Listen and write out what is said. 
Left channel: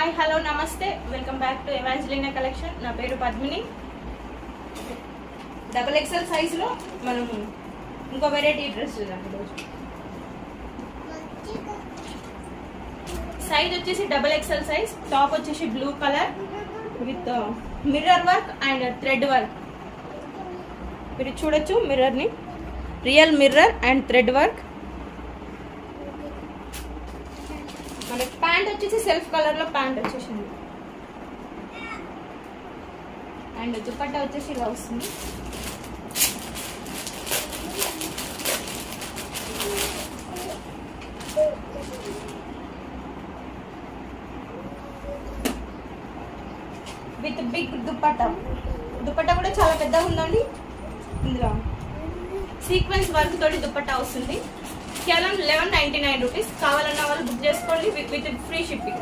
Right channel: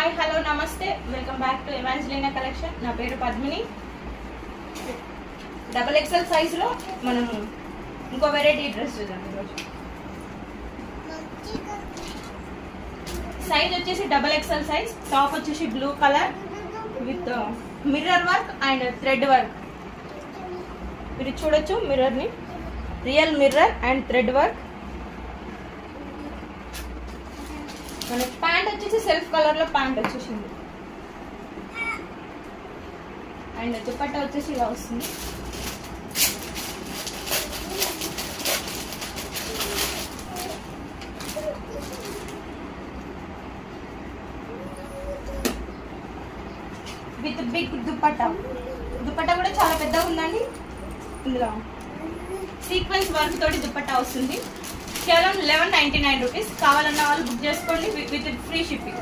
Hi hello నమస్తే welcome back to ఎవాంజలినా collection. నా పేరు పద్మిని. XXL సైజులో మనం ఇంకో వెరైటీ డ్రెస్ చూద్దాం ఈరోజు. సైజ్ వచ్చేసి XXL సైజ్. టాప్ వచ్చేసి blue colour with mirror work and thread work. మీరు చూడొచ్చు మిర్రర్ని, real mirror and thread work. మనకి ప్యాంట్ వచ్చేసి సెల్ఫ్ కలర్ లో ప్యాంట్ వచ్చేసింది అండ్ దుపట్టా వచ్చేసి ఇలా వస్తుంది. With big dupatta. దుపట్టా కూడా చాలా పెద్దగా ఉందండి. ఇందులో సీక్వెన్స్ వర్క్ తోటి దుపట్టా వస్తుంది. కేవలం 1199 రూపీస్. కావాలన్న వాళ్ళు బుక్ చేసుకోండి విత్ ఫ్రీ షిప్పింగ్.